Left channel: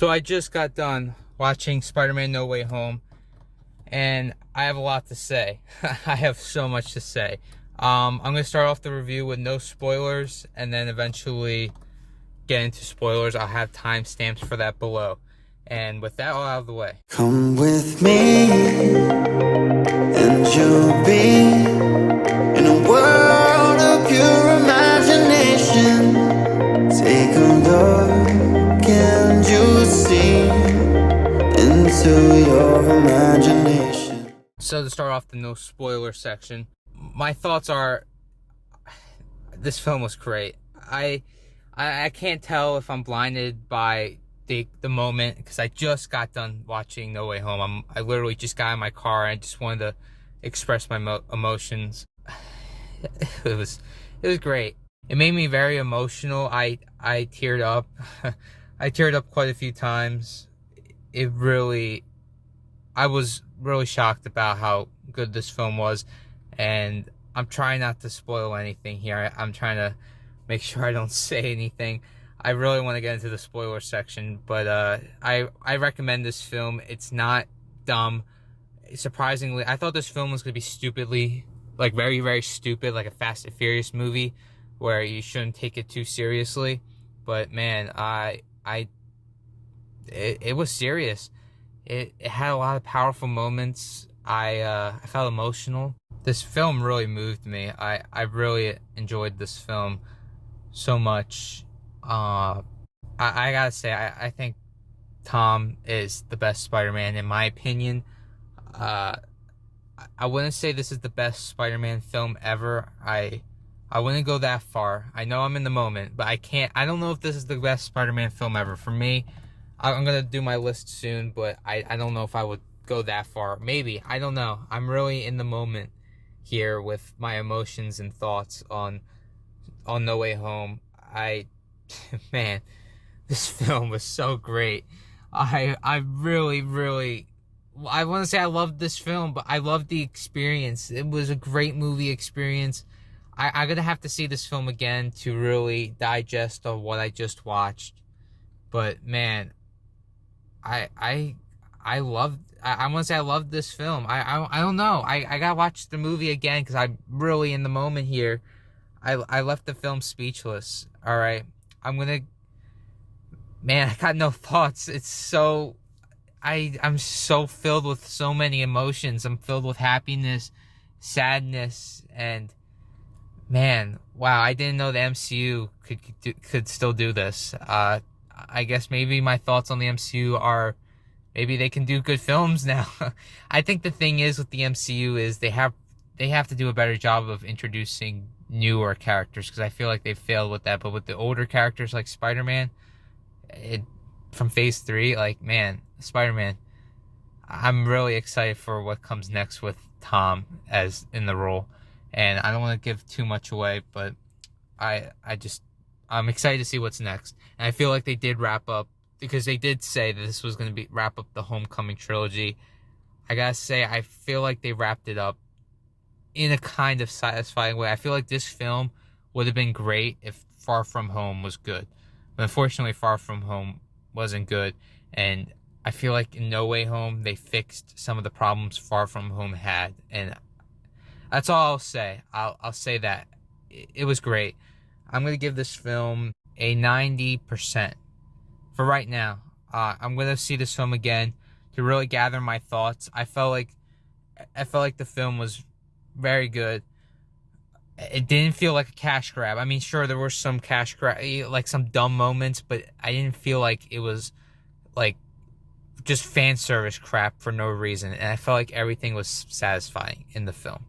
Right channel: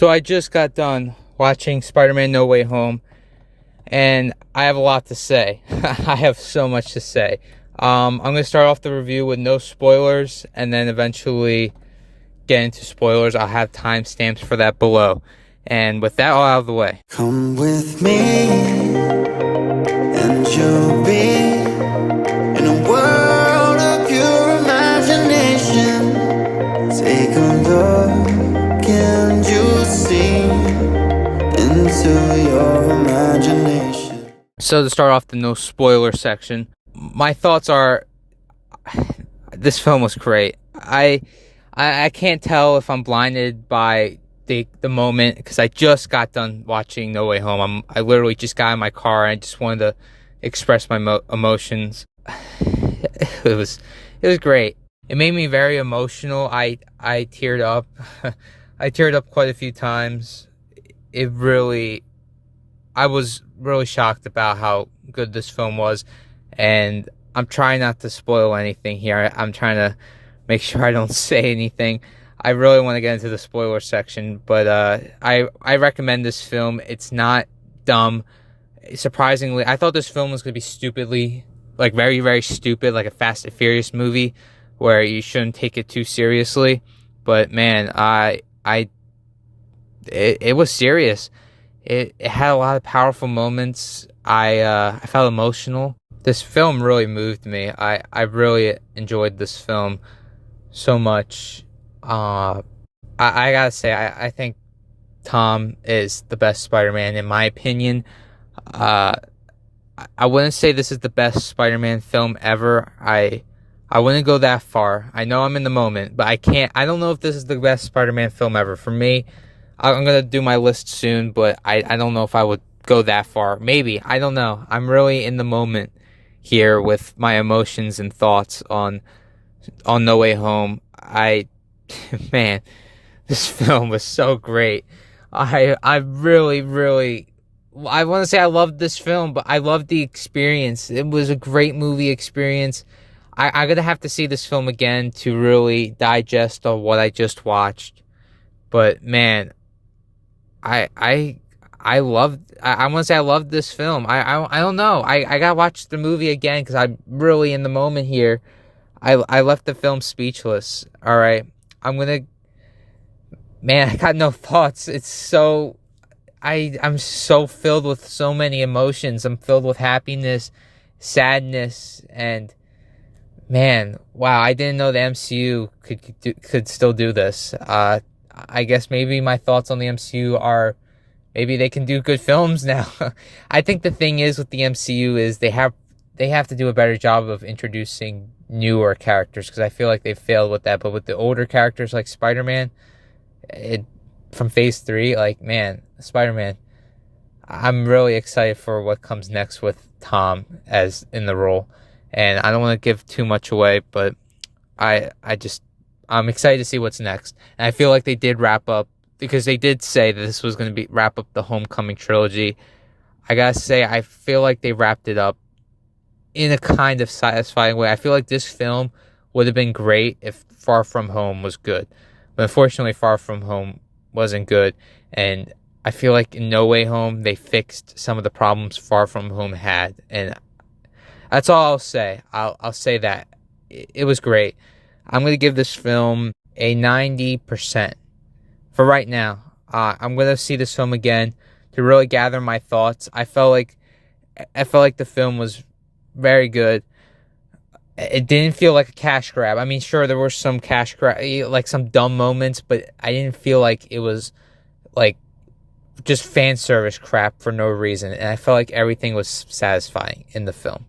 So I just got done watching Spider-Man No Way Home, and I have a lot to say. I have so much to say. I'm going to start off the review with no spoilers, and then eventually get into spoilers. I'll have timestamps for that below. And with that all out of the way. Come with me, and you'll be in a world of pure imagination. Take a look, and you'll see into your imagination. So to start off the no spoiler section, my thoughts are this film was great. I can't tell if I'm blinded by the moment because I just got done watching No Way Home. I literally just got in my car and I just wanted to express my emotions. It was great. It made me very emotional. I teared up. I teared up quite a few times. I was really shocked about how good this film was, and I'm trying not to spoil anything here. I'm trying to make sure I don't say anything. I really want to get into the spoiler section, but I recommend this film. It's not dumb. Surprisingly, I thought this film was going to be stupidly, like very, very stupid, like a Fast and Furious movie where you shouldn't take it too seriously. But man, it was serious. It had a lot of powerful moments. I felt emotional. This film really moved me. I really enjoyed this film so much. I gotta say, I think Tom is the best Spider-Man in my opinion. Uh, I wouldn't say this is the best Spider-Man film ever. I wouldn't go that far. I know I'm in the moment, but I don't know if this is the best Spider-Man film ever. For me, I'm gonna do my list soon, but I don't know if I would go that far. Maybe. I don't know. I'm really in the moment here with my emotions and thoughts on No Way Home. Man, this film was so great. I really I want to say I loved this film, but I loved the experience. It was a great movie experience. I'm gonna have to see this film again to really digest on what I just watched. But man, I I I loved. I want to say I loved this film. I don't know. I gotta watch the movie again because I'm really in the moment here. I left the film speechless. All right, I'm gonna. Man, I got no thoughts. It's so. I'm so filled with so many emotions. I'm filled with happiness, sadness, and man, wow! I didn't know the MCU could still do this. I guess maybe my thoughts on the MCU are maybe they can do good films now. I think the thing is with the MCU is they have to do a better job of introducing newer characters because I feel like they failed with that. But with the older characters like Spider-Man, it from Phase 3, like man, Spider-Man, I'm really excited for what comes next with Tom as in the role. And I don't want to give too much away, but I'm excited to see what's next. And I feel like they did wrap up because they did say that this was going to be wrap up the Homecoming trilogy. I gotta say, I feel like they wrapped it up in a kind of satisfying way. I feel like this film would have been great if Far From Home was good, but unfortunately, Far From Home wasn't good. And I feel like in No Way Home, they fixed some of the problems Far From Home had, and that's all I'll say. I'll say that it was great. I'm gonna give this film a 90% for right now. I'm gonna see this film again to really gather my thoughts. I felt like the film was very good. It didn't feel like a cash grab. I mean, sure, there were some cash grab, like some dumb moments, but I didn't feel like it was like just fan service crap for no reason. And I felt like everything was satisfying in the film.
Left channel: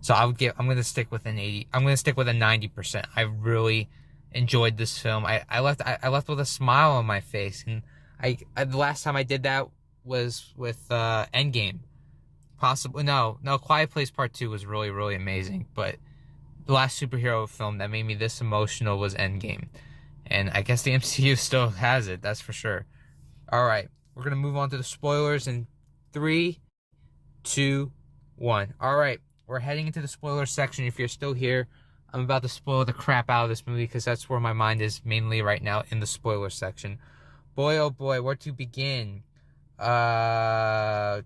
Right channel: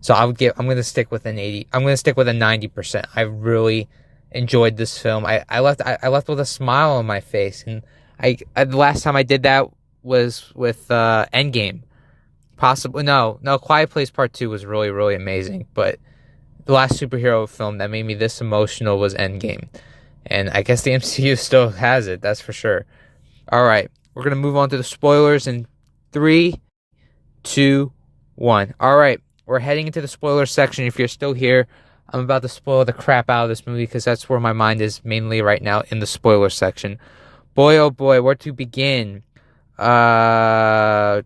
So I'm going to stick with an 80. I'm going to stick with a 90%. I really enjoyed this film. I left with a smile on my face. And the last time I did that was with Endgame. Possibly, no, Quiet Place Part 2 was really, really amazing. But the last superhero film that made me this emotional was Endgame. And I guess the MCU still has it, that's for sure. All right, we're going to move on to the spoilers in 3, 2, 1. All right, we're heading into the spoiler section. If you're still here, I'm about to spoil the crap out of this movie because that's where my mind is mainly right now, in the spoiler section. Boy, oh boy, where to begin? I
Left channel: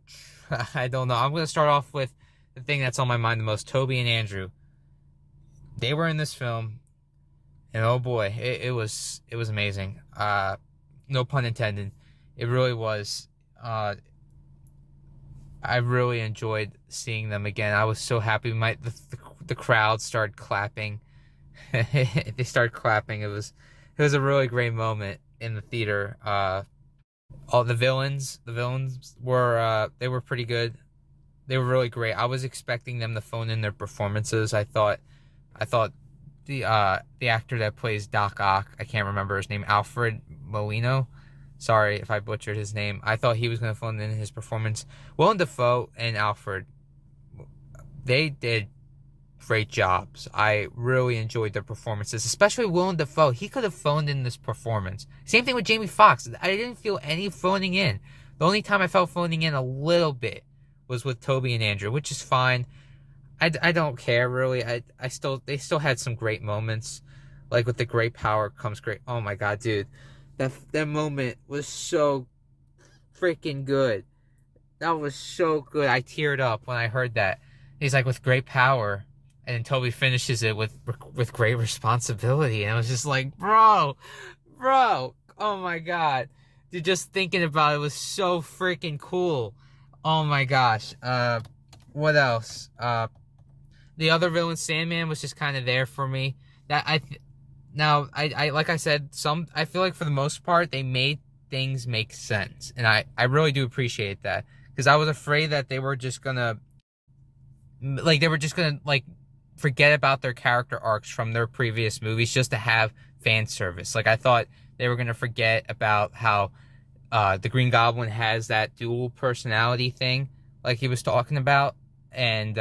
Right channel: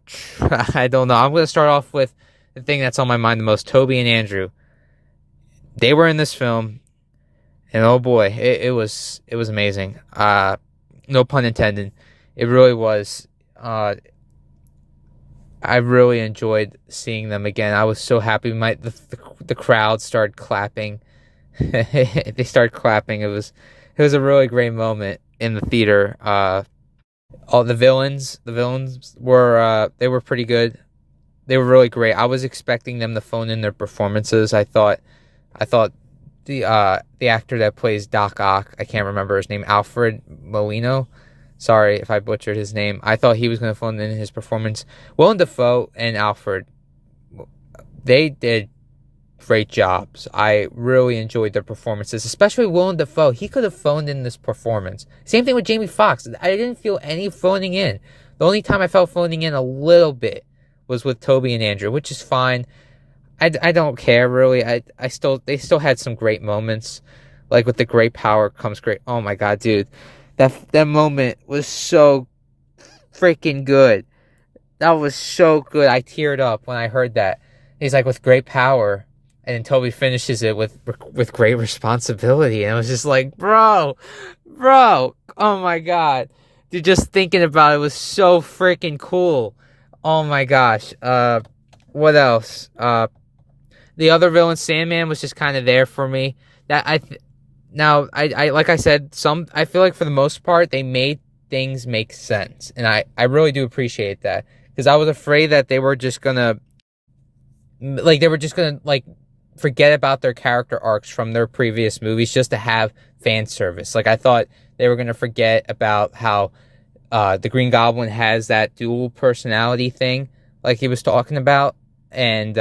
don't know. I'm gonna start off with the thing that's on my mind the most. Toby and Andrew. They were in this film, and oh boy, it was amazing. No pun intended. It really was. I really enjoyed seeing them again. I was so happy. The crowd started clapping. They started clapping. It was a really great moment in the theater. All the villains were they were pretty good. They were really great. I was expecting them to phone in their performances. I thought the actor that plays Doc Ock, I can't remember his name, Alfred Molino. Sorry if I butchered his name. I thought he was going to phone in his performance. Willem Dafoe and Alfred, they did great jobs. I really enjoyed their performances, especially Willem Dafoe. He could have phoned in this performance. Same thing with Jamie Foxx. I didn't feel any phoning in. The only time I felt phoning in a little bit was with Toby and Andrew, which is fine. I don't care really. They still had some great moments, like with the great power comes great. Oh my god, dude, that moment was so freaking good. That was so good. I teared up when I heard that. He's like, with great power, and then Toby finishes it with great responsibility, and I was just like, bro, oh my god, dude, just thinking about it was so freaking cool. Oh my gosh. What else? The other villain, Sandman, was just kind of there for me. That I Now I like I said, I feel like for the most part they made things make sense, and I really do appreciate that because I was afraid that they were just gonna like forget about their character arcs from their previous movies just to have fan service. Like I thought they were gonna forget about how the Green Goblin has that dual personality thing, like he was talking about, and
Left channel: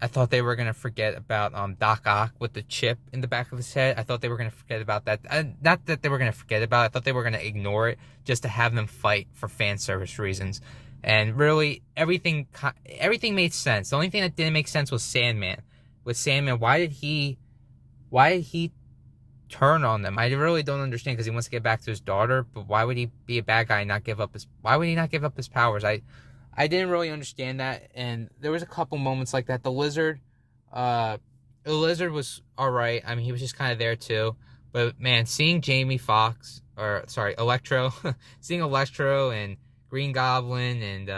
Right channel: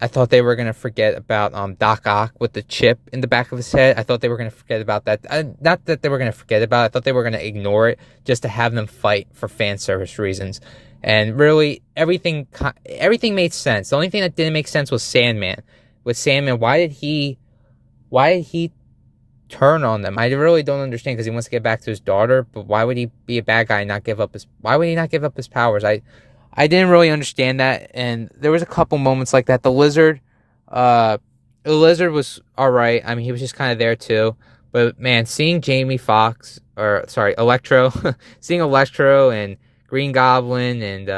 I thought they were gonna forget about Doc Ock with the chip in the back of his head. I thought they were gonna forget about that. Not that they were gonna forget about it. I thought they were gonna ignore it just to have them fight for fan service reasons. And really, everything made sense. The only thing that didn't make sense was Sandman. With Sandman, why did he turn on them? I really don't understand because he wants to get back to his daughter. But why would he be a bad guy and not give up his? Why would he not give up his powers? I didn't really understand that, and there was a couple moments like that. Uh, the lizard was all right. I mean, he was just kind of there too. But man, seeing Jamie Foxx, or sorry, Electro, seeing Electro and Green Goblin and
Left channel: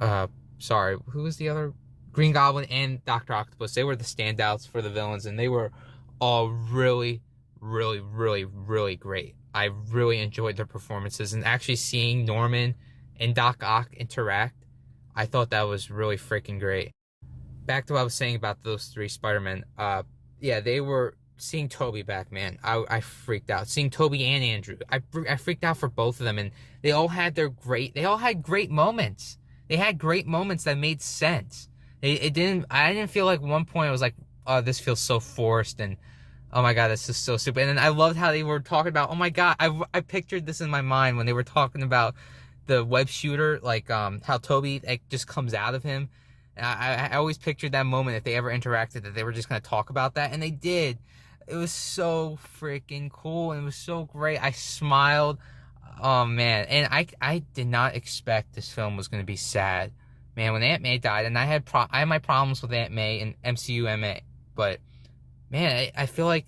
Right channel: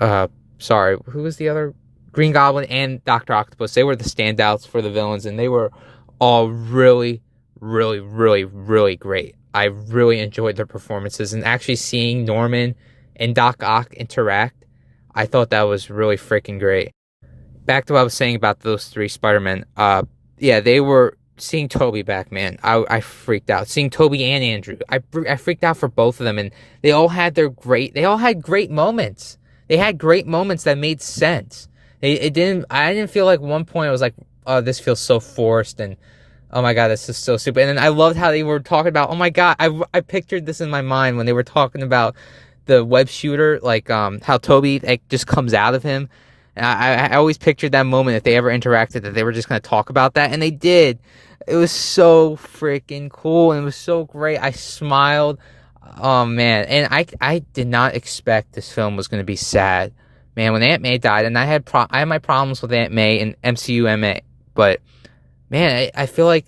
uh, sorry, who was the other? Green Goblin and Doctor Octopus. They were the standouts for the villains, and they were all really, really, really, really great. I really enjoyed their performances, and actually seeing Norman and Doc Ock interact, I thought that was really freaking great. Back to what I was saying about those three Spider-Men. Yeah, they were seeing Toby back, man. I freaked out. Seeing Toby and Andrew, I freaked out for both of them, and they all had great moments. They had great moments that made sense. I didn't feel like one point I was like, oh, this feels so forced, and oh my god, this is so stupid. And then I loved how they were talking about, oh my god, I pictured this in my mind when they were talking about the web shooter, like how Toby like just comes out of him. And I always pictured that moment if they ever interacted that they were just gonna talk about that, and they did. It was so freaking cool and it was so great. I smiled. Oh man, and I did not expect this film was gonna be sad. Man, when Aunt May died, and I had my problems with Aunt May and MCU MA, but man, I feel like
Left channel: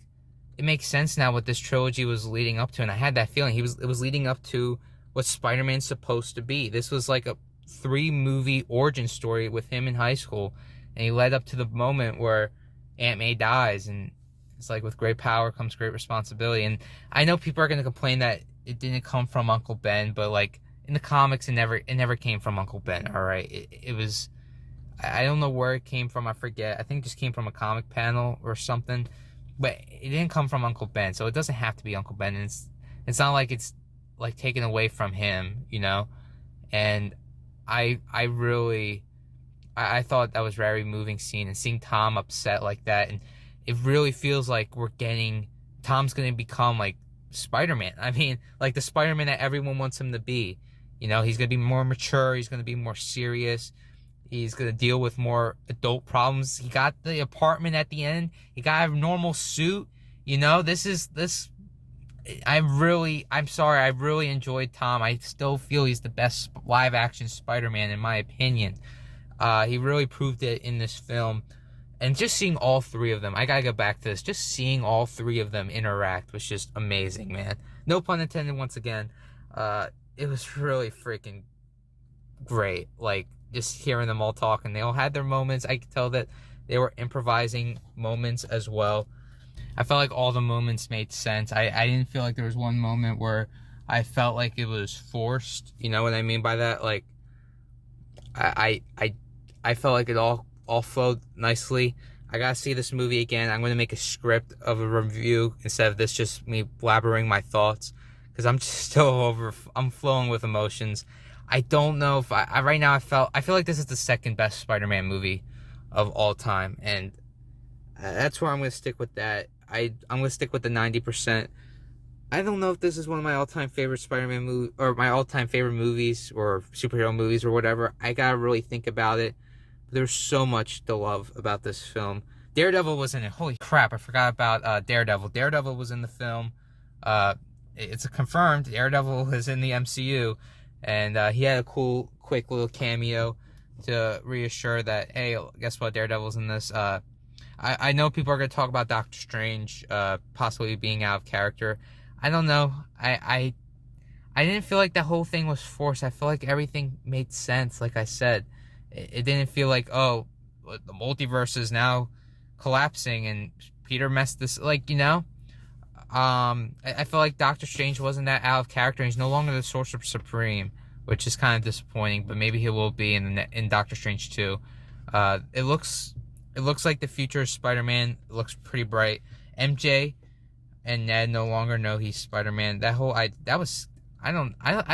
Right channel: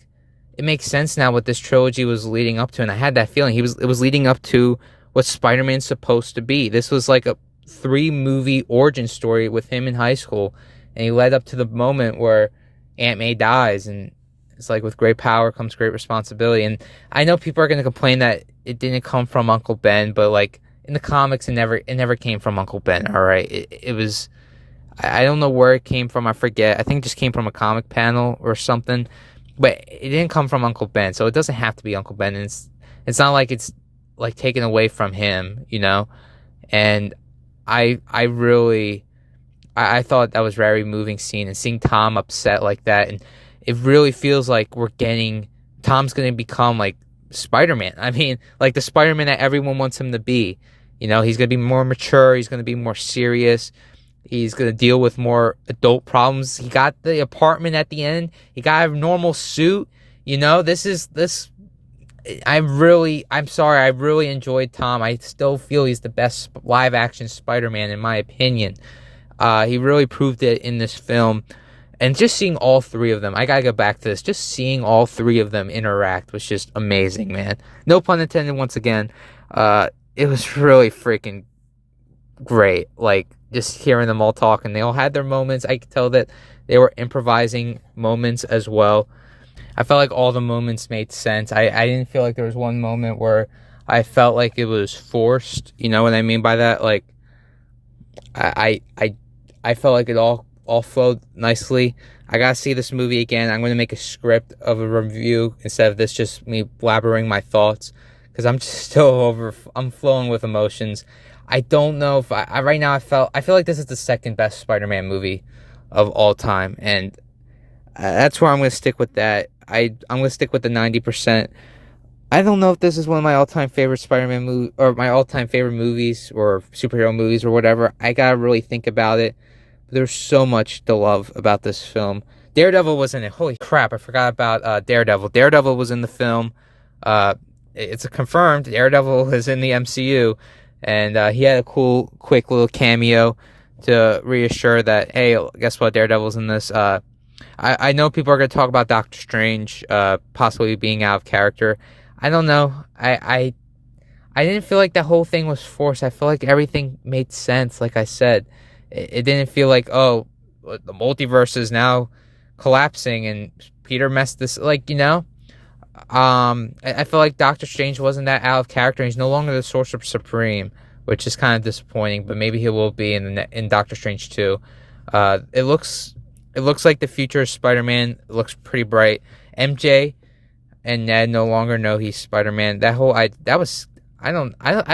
it makes sense now what this trilogy was leading up to, and I had that feeling it was leading up to what Spider-Man's supposed to be. This was like a 3-movie origin story with him in high school, and he led up to the moment where Aunt May dies, and it's like with great power comes great responsibility. And I know people are going to complain that it didn't come from Uncle Ben, but like in the comics, it never came from Uncle Ben. All right, it was. I don't know where it came from. I forget. I think it just came from a comic panel or something, but it didn't come from Uncle Ben, so it doesn't have to be Uncle Ben. And it's not like it's like taken away from him, you know. And I really I thought that was a very moving scene, and seeing Tom upset like that, and it really feels like Tom's gonna become like Spider-Man. I mean, like the Spider-Man that everyone wants him to be. You know, he's gonna be more mature. He's gonna be more serious. He's gonna deal with more adult problems. He got the apartment at the end. He got a normal suit. You know, this I'm sorry, I really enjoyed Tom. I still feel he's the best live action Spider-Man in my opinion. He really proved it in this film. And just seeing all three of them, I gotta go back to this. Just seeing all three of them interact was just amazing, man. No pun intended once again. It was really freaking great. Like, just hearing them all talk, and they all had their moments. I could tell that they were improvising moments as well. I felt like all the moments made sense. I didn't feel like there was one moment where I felt like it was forced. You know what I mean by that? Like, I I I, I felt like it all flowed nicely. I gotta see this movie again. I'm gonna make a script of a review instead of this just me blabbering my thoughts because I'm just still over. I'm flowing with emotions. I don't know if I right now I feel like this is the second best Spider-Man movie of all time, and that's where I'm gonna stick with that. I'm gonna stick with the 90%. I don't know if this is one of my all-time favorite Spider-Man movie or my all-time favorite movies or superhero movies or whatever. I gotta really think about it. There's so much to love about this film. Daredevil was in it. Holy crap! I forgot about Daredevil. Daredevil was in the film. Uh, it's confirmed. Daredevil is in the MCU, and he had a cool, quick little cameo to reassure that, hey, guess what? Daredevil's in this. I know people are going to talk about Doctor Strange possibly being out of character. I don't know. I didn't feel like the whole thing was forced. I feel like everything made sense. Like I said, it didn't feel like, oh, the multiverse is now collapsing and Peter messed this. Like, you know, I feel like Doctor Strange wasn't that out of character. He's no longer the Sorcerer Supreme, which is kind of disappointing. But maybe he will be in Doctor Strange 2. It looks like the future of Spider-Man looks pretty bright. MJ and Ned no longer know he's Spider-Man. I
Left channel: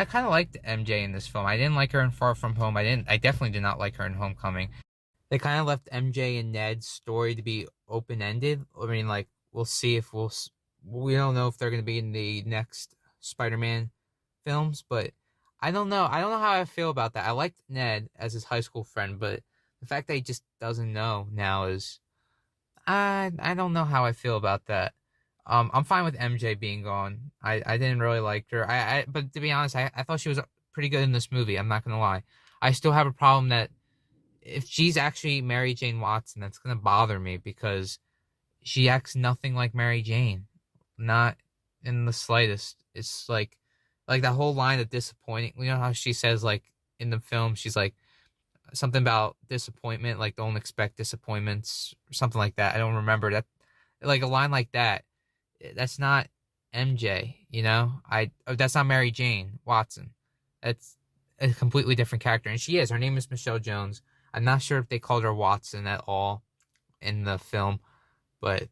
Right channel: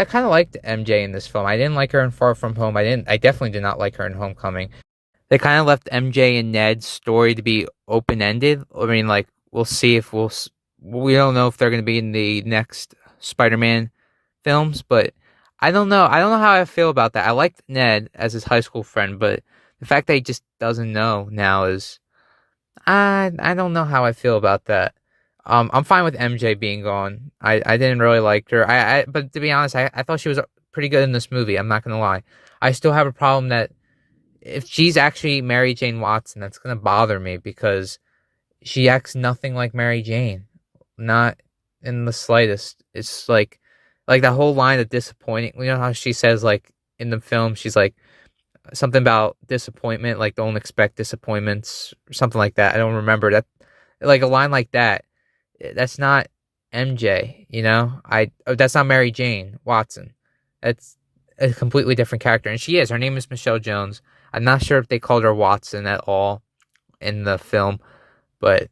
kind of liked MJ in this film. I didn't like her in Far From Home. I definitely did not like her in Homecoming. They kind of left MJ and Ned's story to be open-ended. I mean, like, we'll see if we don't know if they're going to be in the next Spider-Man films, but I don't know. I don't know how I feel about that. I liked Ned as his high school friend, but the fact that he just doesn't know now is I don't know how I feel about that. I'm fine with MJ being gone. I didn't really like her. But to be honest, I thought she was pretty good in this movie. I'm not gonna lie. I still have a problem that if she's actually Mary Jane Watson, that's gonna bother me because she acts nothing like Mary Jane, not in the slightest. It's like that whole line of disappointing. You know how she says like in the film, she's like something about disappointment, like don't expect disappointments, or something like that. I don't remember that. Like a line like that. That's not MJ, you know. That's not Mary Jane Watson. That's a completely different character, and she is. Her name is Michelle Jones. I'm not sure if they called her Watson at all in the film, but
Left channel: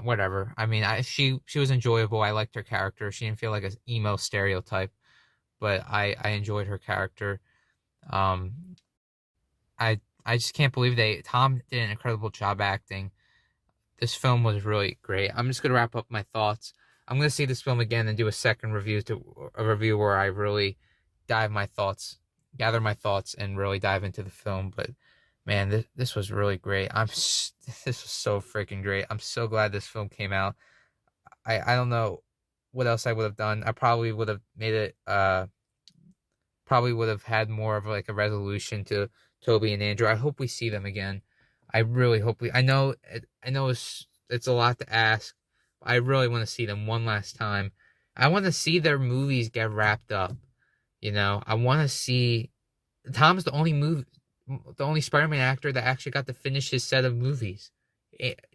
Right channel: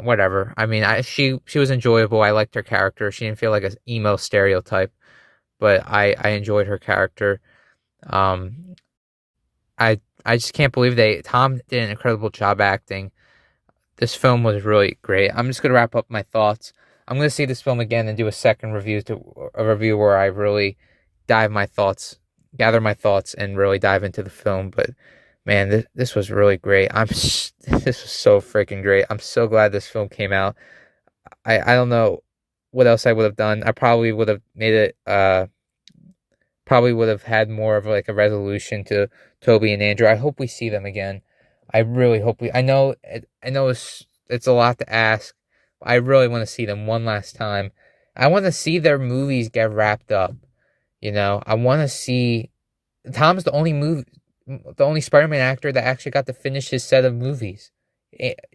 whatever. I mean, she was enjoyable. I liked her character. She didn't feel like an emo stereotype, but I enjoyed her character. Um, I just can't believe Tom did an incredible job acting. This film was really great. I'm just gonna wrap up my thoughts. I'm gonna see this film again and do a second review to a review where I really gather my thoughts, and really dive into the film. But man, this was really great. This was so freaking great. I'm so glad this film came out. I don't know what else I would have done. I probably would have made it probably would have had more of like a resolution to Toby and Andrew. I hope we see them again. I really hope we. I know it's a lot to ask. But I really want to see them one last time. I want to see their movies get wrapped up. You know, I want to see. Tom's the only Spider-Man actor that actually got to finish his set of movies.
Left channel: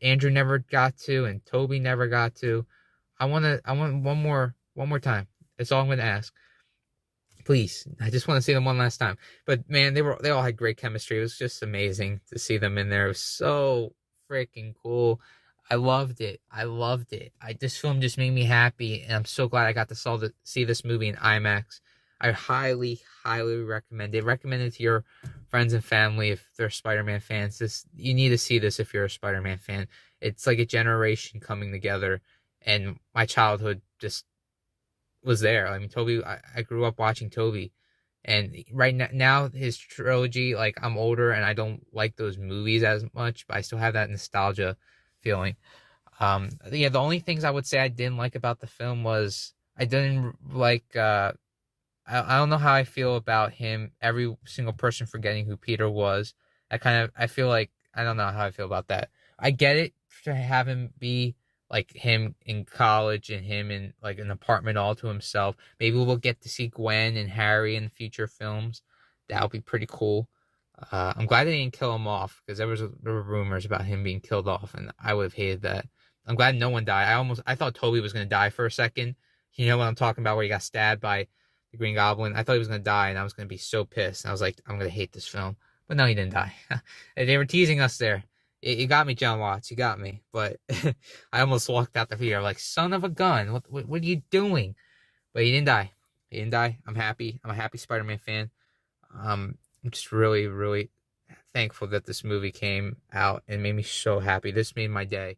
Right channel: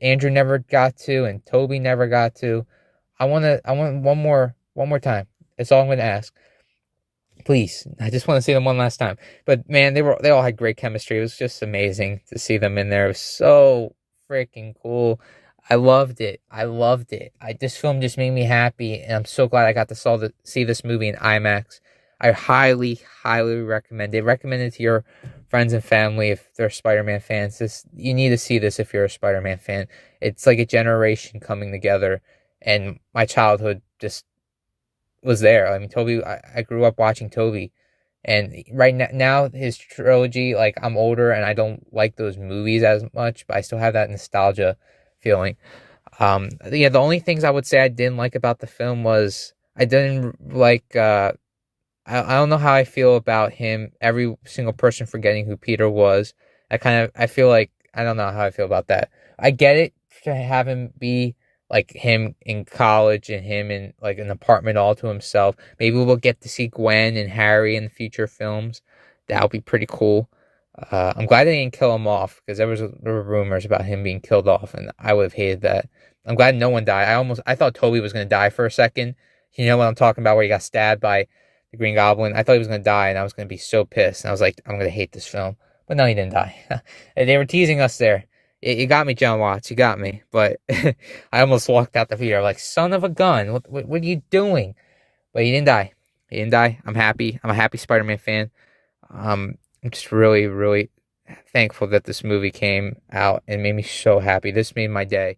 Andrew never got to, and Toby never got to. I want one more time. That's all I'm gonna ask. Please, I just want to see them one last time. But man, they all had great chemistry. It was just amazing to see them in there. It was so freaking cool. I loved it. I loved it. This film just made me happy, and I'm so glad I got to see this movie in IMAX. I highly, highly recommend it. Recommend it to your friends and family if they're Spider-Man fans. You need to see this if you're a Spider-Man fan. It's like a generation coming together, and my childhood just was there. I mean, I grew up watching Toby, and right now his trilogy, like I'm older and I don't like those movies as much, but I still have that nostalgia feeling. Yeah, the only things I would say I didn't like about the film was I didn't like I don't know how I feel about him, every single person forgetting who Peter was. I feel like I don't know how I feel about that. I get it to have him be like him in college and him in like an apartment all to himself. Maybe we'll get to see Gwen and Harry in future films. That would be pretty cool. I'm glad they didn't kill him off because there were rumors about him being killed off, and I would have hated that. I'm glad no one died. I thought Toby was gonna die for a second. You know what I'm talking about, where he got stabbed by the Green Goblin. I thought he was gonna die, and I was gonna be so pissed. And I was like, I'm gonna hate this film. But no, he didn't die. And they were teasing us there. You got me, John Watts. You got me. But I almost walked out the theater like, son of a gun. What are you doing? But he didn't die. He didn't die. I'm happy. I'm a happy Spider-Man fan. I'm just really, really thankful that this movie came out and made me so happy. This made my day.